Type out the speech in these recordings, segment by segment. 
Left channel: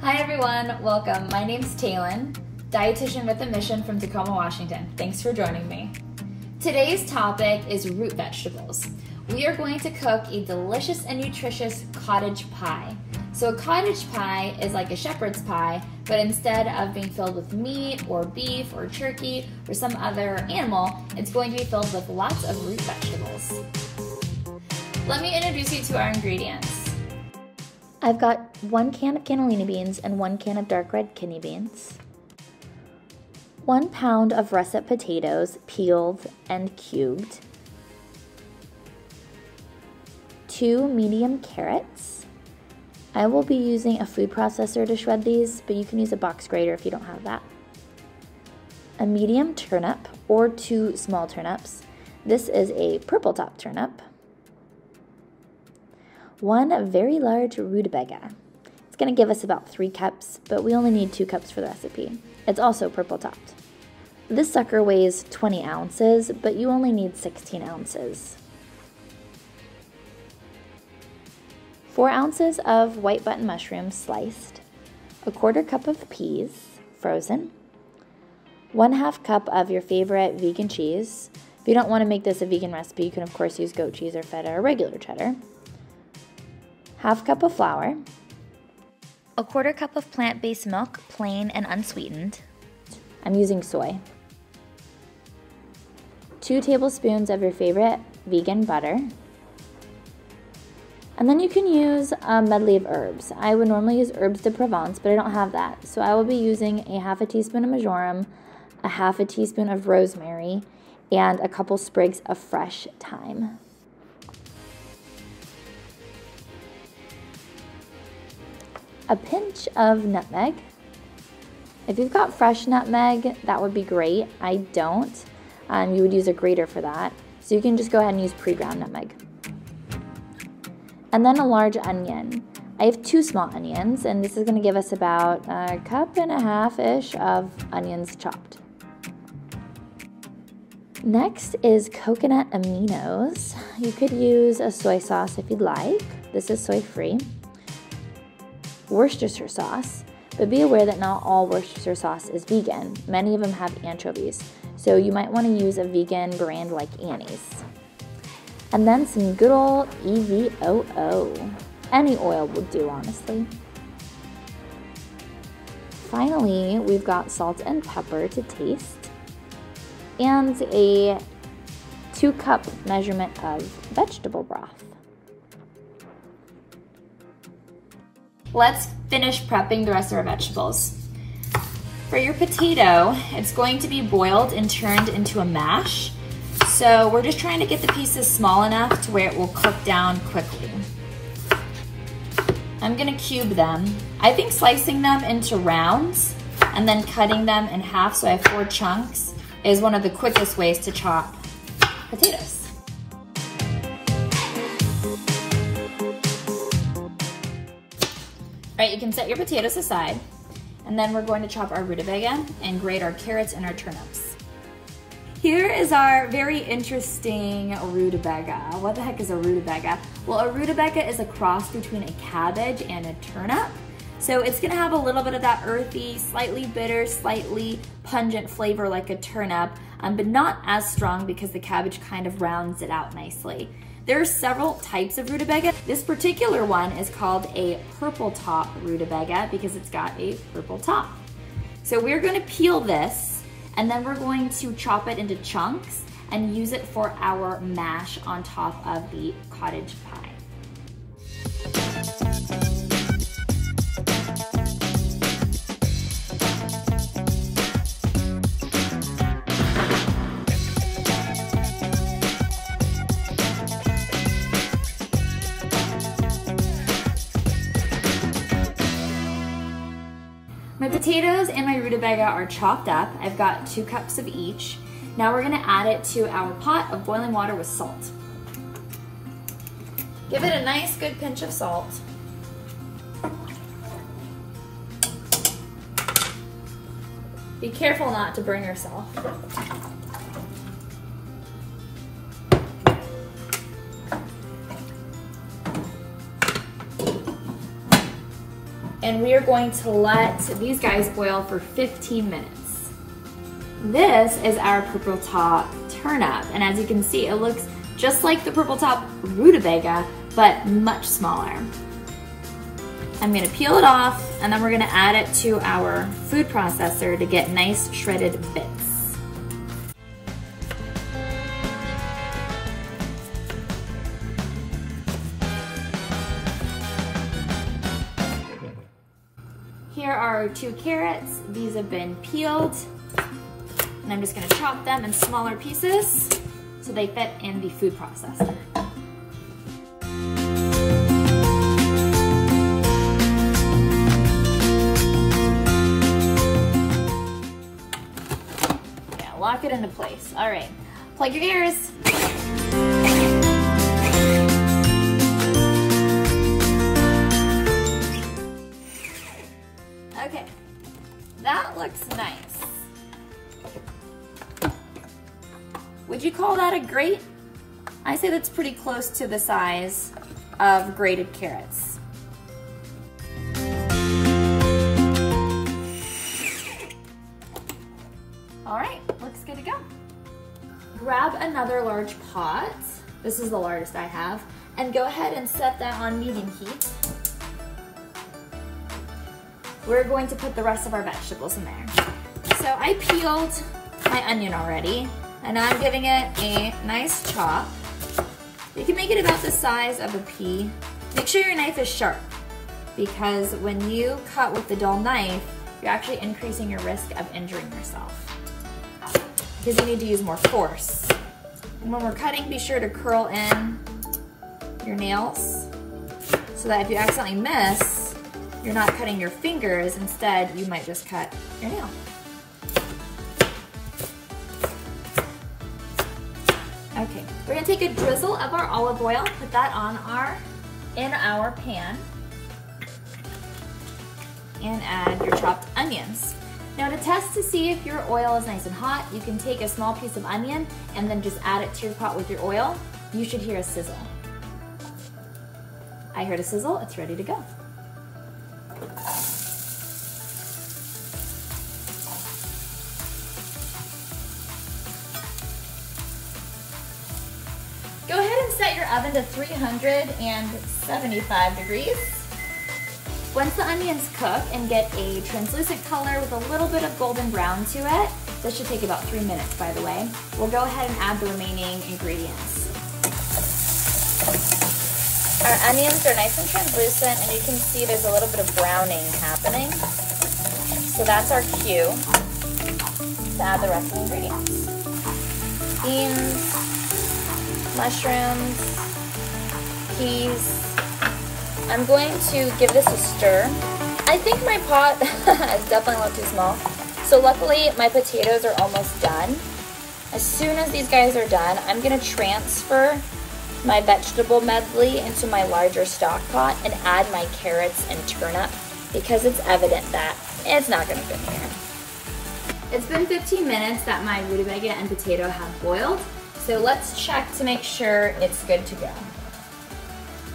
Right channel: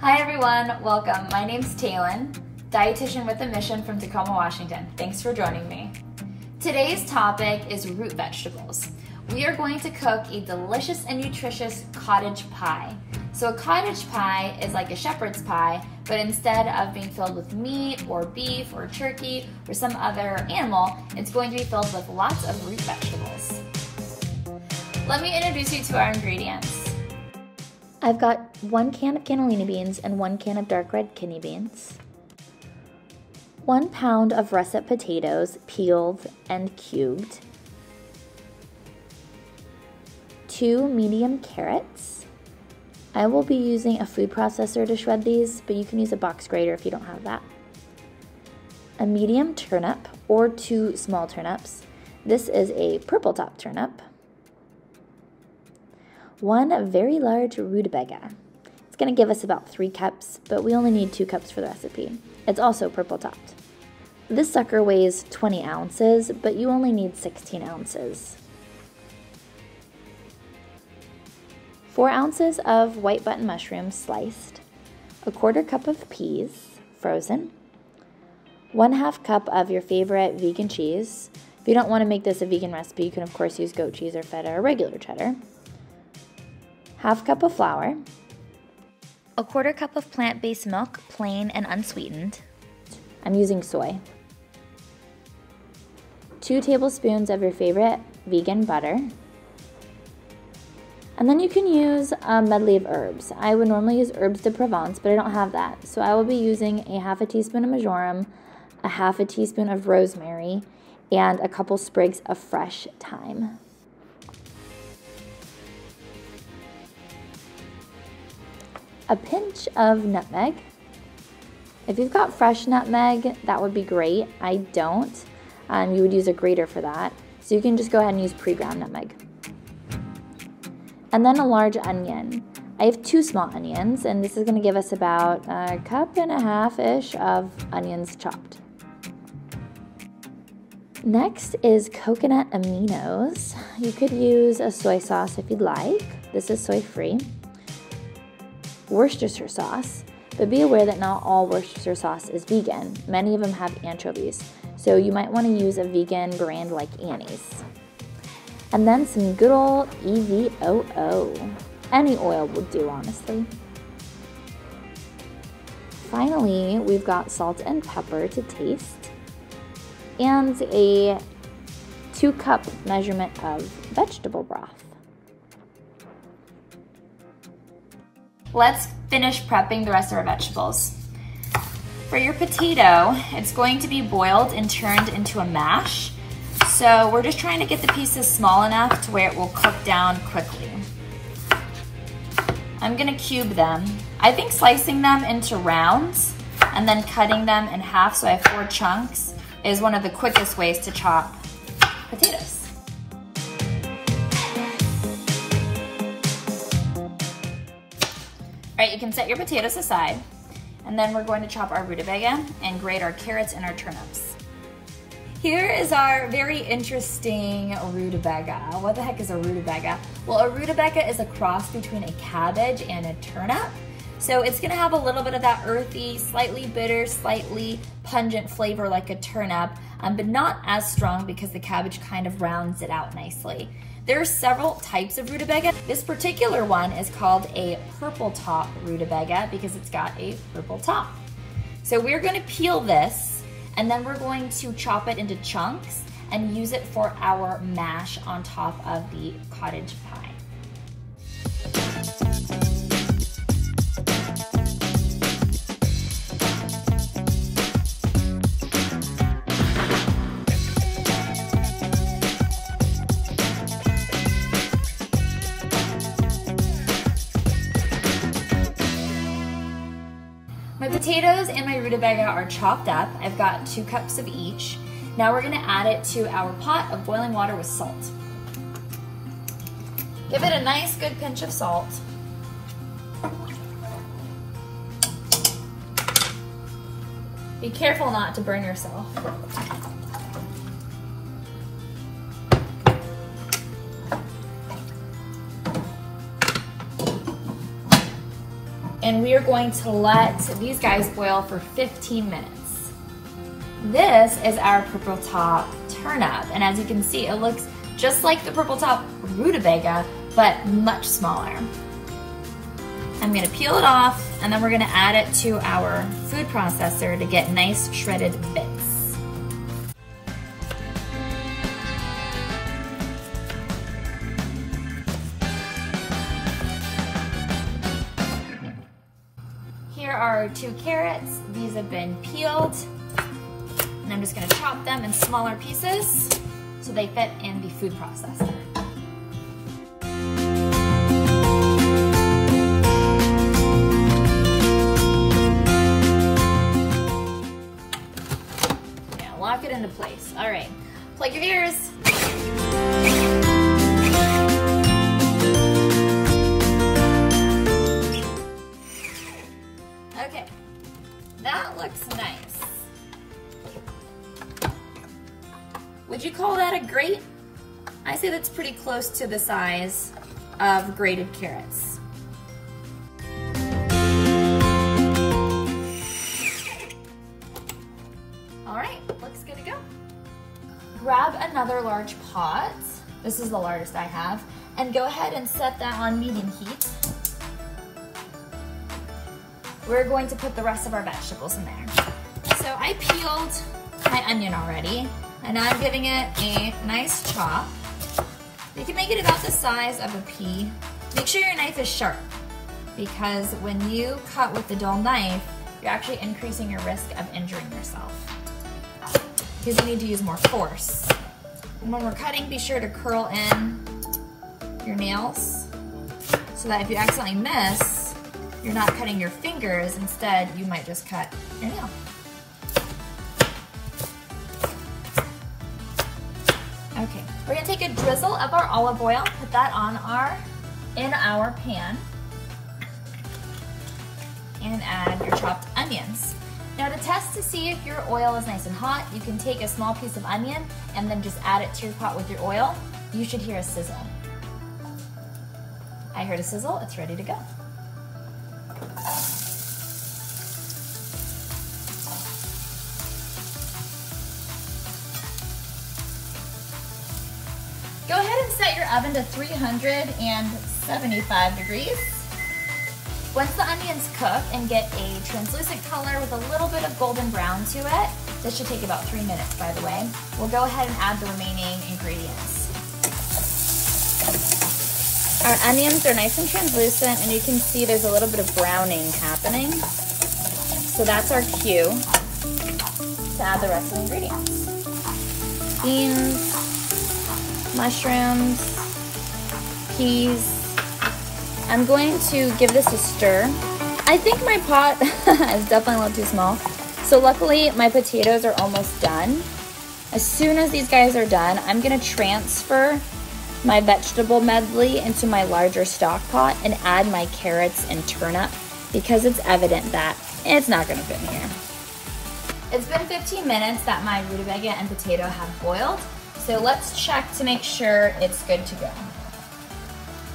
Hi everyone, welcome. My name's Taylin, dietitian with a mission from Tacoma, Washington. Thanks for joining me. Today's topic is root vegetables. We are going to cook a delicious and nutritious cottage pie. So a cottage pie is like a shepherd's pie, but instead of being filled with meat or beef or turkey or some other animal, it's going to be filled with lots of root vegetables. Let me introduce you to our ingredients. I've got 1 can of cannellini beans and 1 can of dark red kidney beans, 1 pound of russet potatoes, peeled and cubed, 2 medium carrots. I will be using a food processor to shred these, but you can use a box grater if you don't have that. A medium turnip or 2 small turnips. This is a purple top turnip. 1 very large rutabaga. It's going to give us about 3 cups, but we only need 2 cups for the recipe. It's also purple topped. This sucker weighs 20 ounces, but you only need 16 ounces. 4 ounces of white button mushrooms sliced, 1/4 cup of peas, frozen, 1/2 cup of your favorite vegan cheese. If you don't want to make this a vegan recipe, you can of course use goat cheese or feta or regular cheddar. 1/2 cup of flour, 1/4 cup of plant-based milk, plain and unsweetened. I'm using soy. 2 tablespoons of your favorite vegan butter. And then you can use a medley of herbs. I would normally use herbs de Provence, but I don't have that. So I will be using a 1/2 teaspoon of marjoram, a 1/2 teaspoon of rosemary, and a couple sprigs of fresh thyme. A pinch of nutmeg. If you've got fresh nutmeg, that would be great. I don't. You would use a grater for that. So you can just go ahead and use pre-ground nutmeg. And then a large onion. I have 2 small onions, and this is going to give us about 1.5 cups-ish of onions chopped. Next is coconut aminos. You could use a soy sauce if you'd like. This is soy-free. Worcestershire sauce, but be aware that not all Worcestershire sauce is vegan. Many of them have anchovies, so you might want to use a vegan brand like Annie's. And then some good old EVOO. Any oil will do, honestly. Finally, we've got salt and pepper to taste, and a 2-cup measurement of vegetable broth. Let's finish prepping the rest of our vegetables. For your potato, it's going to be boiled and turned into a mash. So we're just trying to get the pieces small enough to where it will cook down quickly. I'm gonna cube them. I think slicing them into rounds and then cutting them in half so I have 4 chunks is one of the quickest ways to chop potatoes. All right, you can set your potatoes aside, and then we're going to chop our rutabaga and grate our carrots and our turnips. Here is our very interesting rutabaga. What the heck is a rutabaga? Well, a rutabaga is a cross between a cabbage and a turnip. So it's gonna have a little bit of that earthy, slightly bitter, slightly pungent flavor like a turnip, but not as strong because the cabbage kind of rounds it out nicely. There are several types of rutabaga. This particular one is called a purple top rutabaga because it's got a purple top. So we're gonna peel this, and then we're going to chop it into chunks and use it for our mash on top of the cottage pie. My potatoes and my rutabaga are chopped up. I've got 2 cups of each. Now we're gonna add it to our pot of boiling water with salt. Give it a nice good pinch of salt. Be careful not to burn yourself. And and we are going to let these guys boil for 15 minutes. This is our purple top turnip, and as you can see, it looks just like the purple top rutabaga, but much smaller. I'm gonna peel it off, and then we're gonna add it to our food processor to get nice shredded bits. Here are our 2 carrots. These have been peeled, and I'm just gonna chop them in smaller pieces so they fit in the food processor. Yeah, lock it into place. All right, plug your ears. Okay, that looks nice. Would you call that a grate? I say that's pretty close to the size of grated carrots. All right, looks good to go. Grab another large pot. This is the largest I have. And go ahead and set that on medium heat. We're going to put the rest of our vegetables in there. So I peeled my onion already, and now I'm giving it a nice chop. You can make it about the size of a pea. Make sure your knife is sharp, because when you cut with the dull knife, you're actually increasing your risk of injuring yourself, because you need to use more force. And when we're cutting, be sure to curl in your nails so that if you accidentally miss, you're not cutting your fingers. Instead, you might just cut your nail. Okay, we're gonna take a drizzle of our olive oil, put that in our pan, and add your chopped onions. Now, to test to see if your oil is nice and hot, you can take a small piece of onion and then just add it to your pot with your oil. You should hear a sizzle. I heard a sizzle, it's ready to go. Go ahead and set your oven to 375 degrees. Once the onions cook and get a translucent color with a little bit of golden brown to it, this should take about 3 minutes, by the way, we'll go ahead and add the remaining ingredients. Our onions are nice and translucent, and you can see there's a little bit of browning happening. So that's our cue to add the rest of the ingredients. Beans, mushrooms, peas. I'm going to give this a stir. I think my pot is definitely a little too small. So luckily my potatoes are almost done. As soon as these guys are done, I'm gonna transfer my vegetable medley into my larger stock pot and add my carrots and turnip, because it's evident that it's not gonna fit in here. It's been 15 minutes that my rutabaga and potato have boiled. So let's check to make sure it's good to go.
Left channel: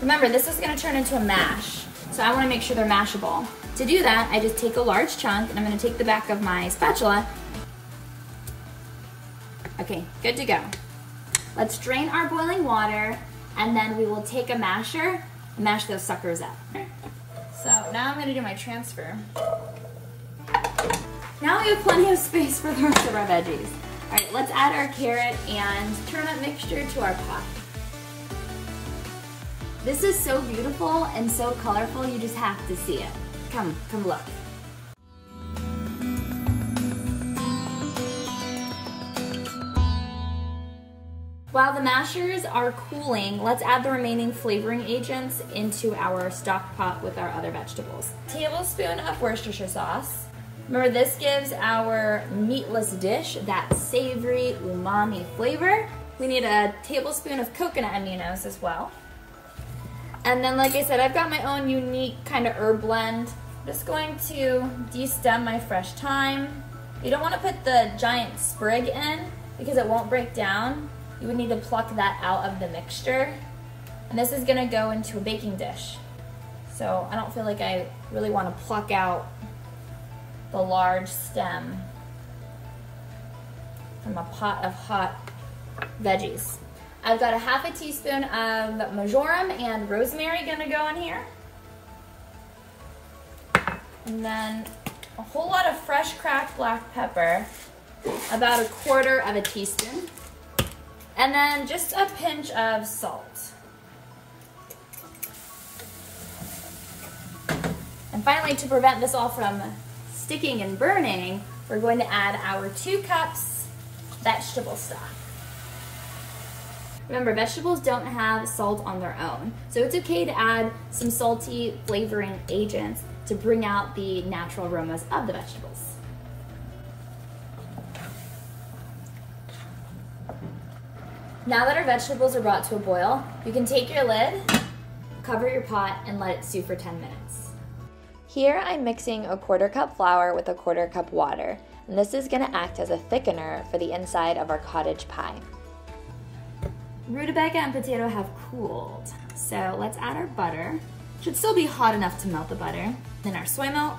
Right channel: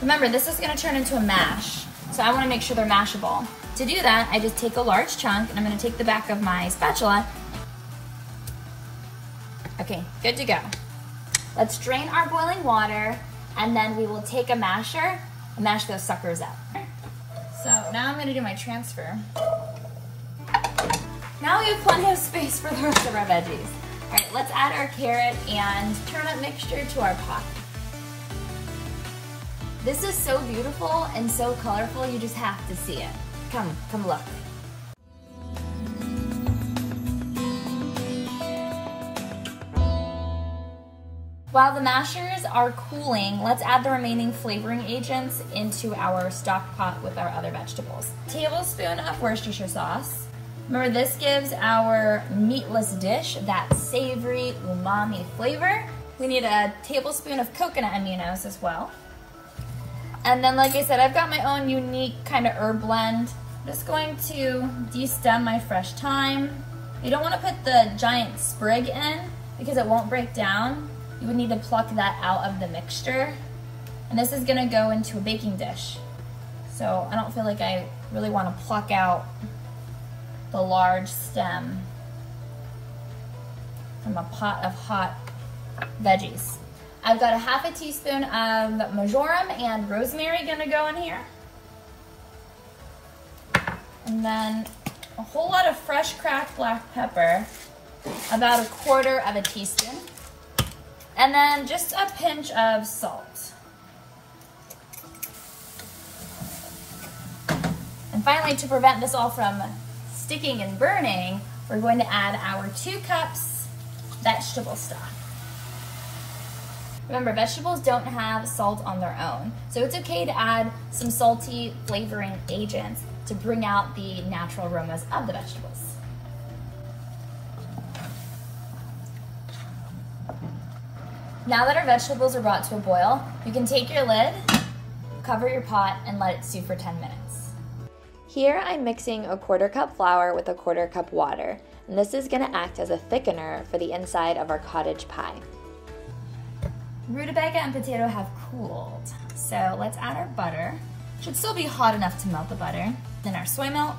Remember, this is gonna turn into a mash, so I wanna make sure they're mashable. To do that, I just take a large chunk, and I'm gonna take the back of my spatula. Okay, good to go. Let's drain our boiling water, and then we will take a masher and mash those suckers up. So now I'm gonna do my transfer. Now we have plenty of space for the rest of our veggies. All right, let's add our carrot and turnip mixture to our pot. This is so beautiful and so colorful, you just have to see it. Come look. While the mashers are cooling, let's add the remaining flavoring agents into our stock pot with our other vegetables. Tablespoon of Worcestershire sauce. Remember, this gives our meatless dish that savory umami flavor. We need a tablespoon of coconut aminos as well. And then, like I said, I've got my own unique kind of herb blend. I'm just going to de-stem my fresh thyme. You don't want to put the giant sprig in because it won't break down. You would need to pluck that out of the mixture. And this is gonna go into a baking dish. So I don't feel like I Really want to pluck out the large stem from a pot of hot veggies. I've got a half a teaspoon of marjoram and rosemary gonna go in here. And then a whole lot of fresh cracked black pepper, about 1/4 of a teaspoon. And then just a pinch of salt. And finally, to prevent this all from sticking and burning, we're going to add our 2 cups vegetable stock. Remember, vegetables don't have salt on their own, so it's okay to add some salty flavoring agents to bring out the natural aromas of the vegetables. Now that our vegetables are brought to a boil, you can take your lid, cover your pot, and let it stew for 10 minutes. Here I'm mixing a 1/4 cup flour with a 1/4 cup water, and this is going to act as a thickener for the inside of our cottage pie. Rutabaga and potato have cooled, so let's add our butter. Should still be hot enough to melt the butter. Then our soy milk.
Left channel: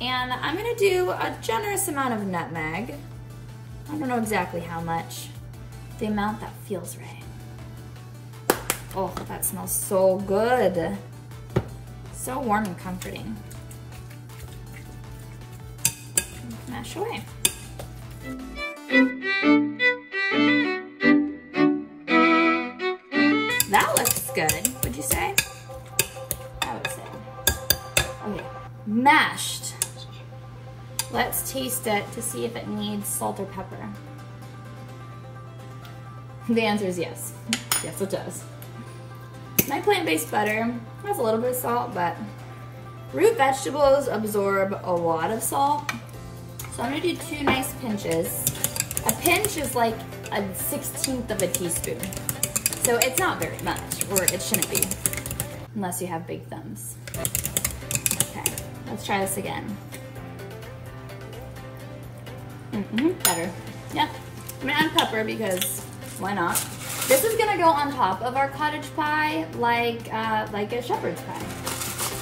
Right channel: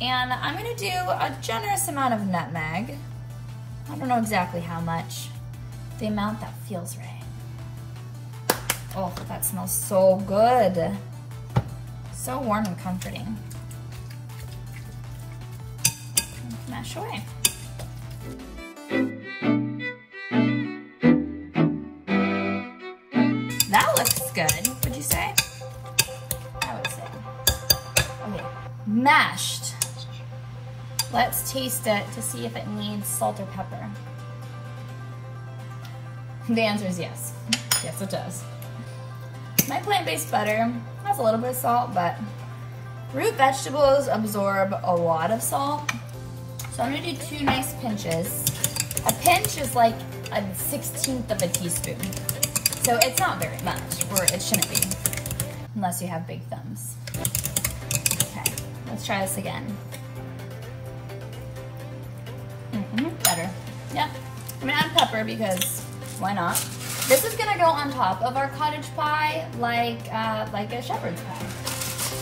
And I'm gonna do a generous amount of nutmeg. I don't know exactly how much. The amount that feels right. Oh, that smells so good. So warm and comforting. Mash away. That looks good, would you say? I would say. Okay, mashed. Let's taste it to see if it needs salt or pepper. The answer is yes. Yes, it does. My plant-based butter has a little bit of salt, but root vegetables absorb a lot of salt. So I'm gonna do 2 nice pinches. A pinch is like a 1/16 of a teaspoon. So it's not very much, or it shouldn't be, unless you have big thumbs. Okay, let's try this again. Better. Yep, I'm gonna add pepper because why not? This is gonna go on top of our cottage pie like a shepherd's pie.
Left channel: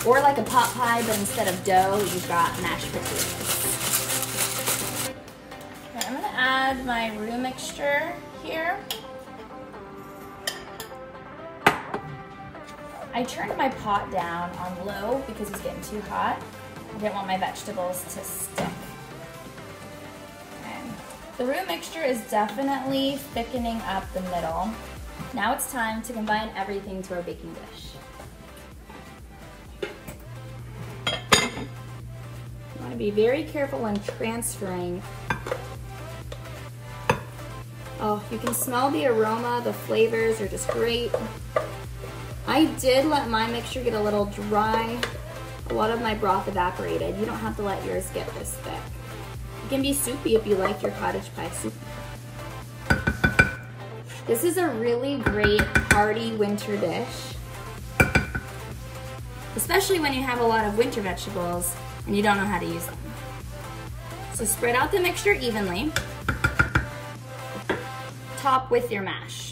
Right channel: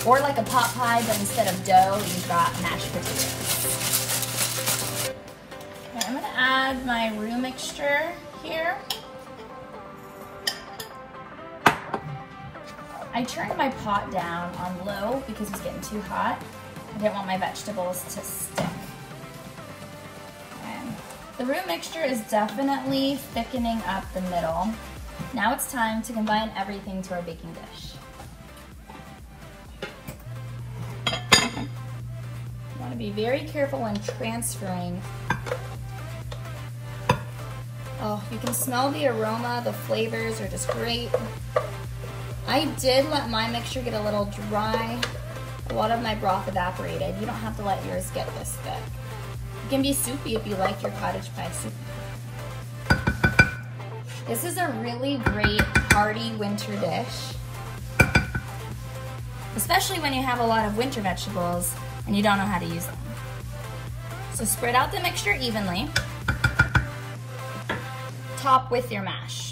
Or like a pot pie, but instead of dough, you've got mashed potatoes. Okay, I'm gonna add my roux mixture here. I turned my pot down on low because it's getting too hot. I didn't want my vegetables to stick. And the roux mixture is definitely thickening up the middle. Now it's time to combine everything to our baking dish. You want to be very careful when transferring. Oh, you can smell the aroma, the flavors are just great. I did let my mixture get a little dry. A lot of my broth evaporated. You don't have to let yours get this thick. It can be soupy if you like your cottage pie soup. This is a really great hearty winter dish, especially when you have a lot of winter vegetables and you don't know how to use them. So spread out the mixture evenly. Top with your mash.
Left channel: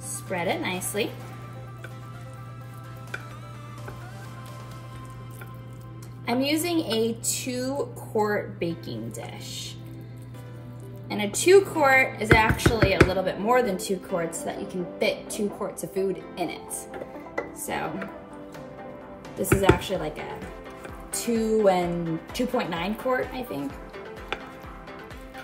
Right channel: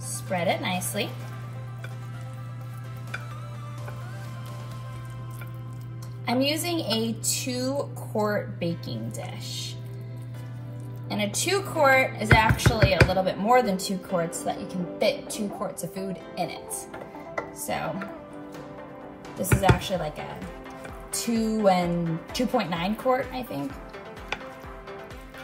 Spread it nicely. I'm using a 2-quart baking dish. And a 2-quart is actually a little bit more than 2 quarts so that you can fit 2 quarts of food in it. So this is actually like a 2.9 quart, I think.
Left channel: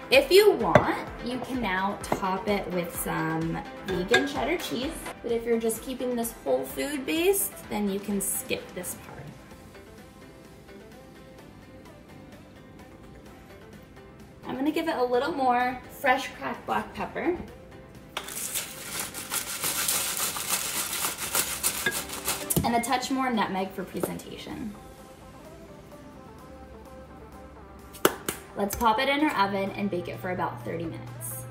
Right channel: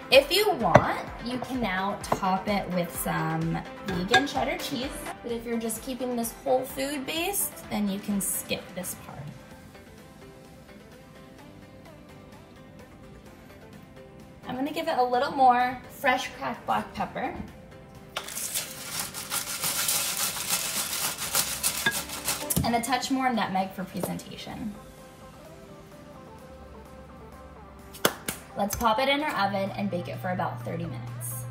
If you want, you can now top it with some vegan cheddar cheese. But if you're just keeping this whole food based, then you can skip this part. I'm gonna give it a little more fresh cracked black pepper. And a touch more nutmeg for presentation. Let's pop it in our oven and bake it for about 30 minutes.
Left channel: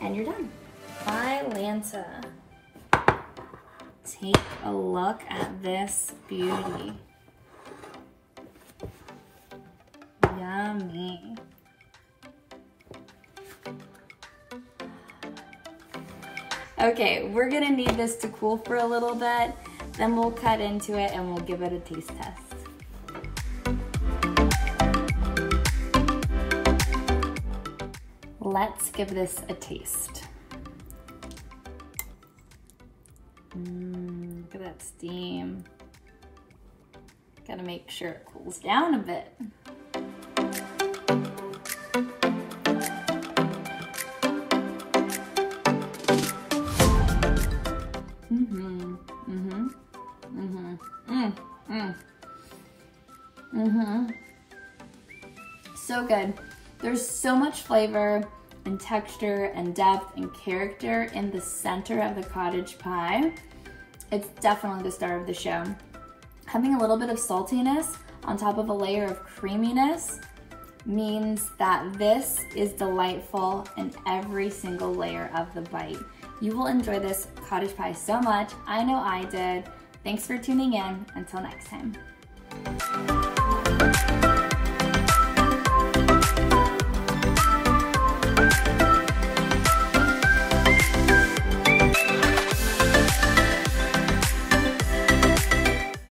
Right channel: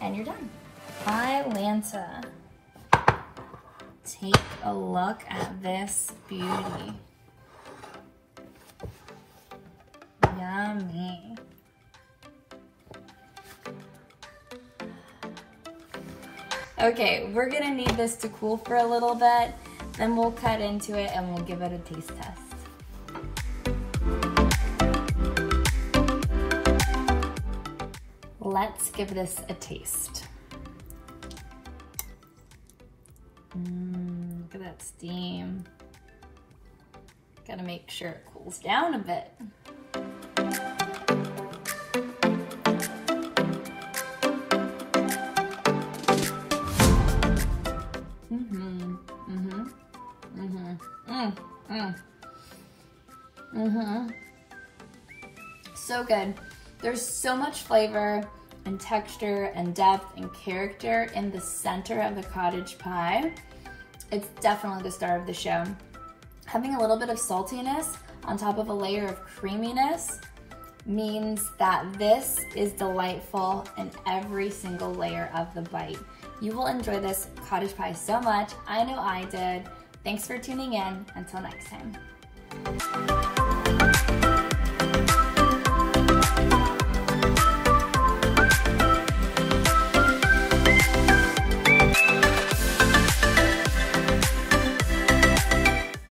And you're done. My Lanta take a look at this beauty. Yummy. Okay, we're gonna need this to cool for a little bit, then we'll cut into it and we'll give it a taste test. Let's give this a taste. Look at that steam. Gotta make sure it cools down a bit. So good. There's so much flavor and texture and depth and character in the center of the cottage pie. It's definitely the star of the show. Having a little bit of saltiness on top of a layer of creaminess means that this is delightful in every single layer of the bite. You will enjoy this cottage pie so much. I know I did. Thanks for tuning in. Until next time.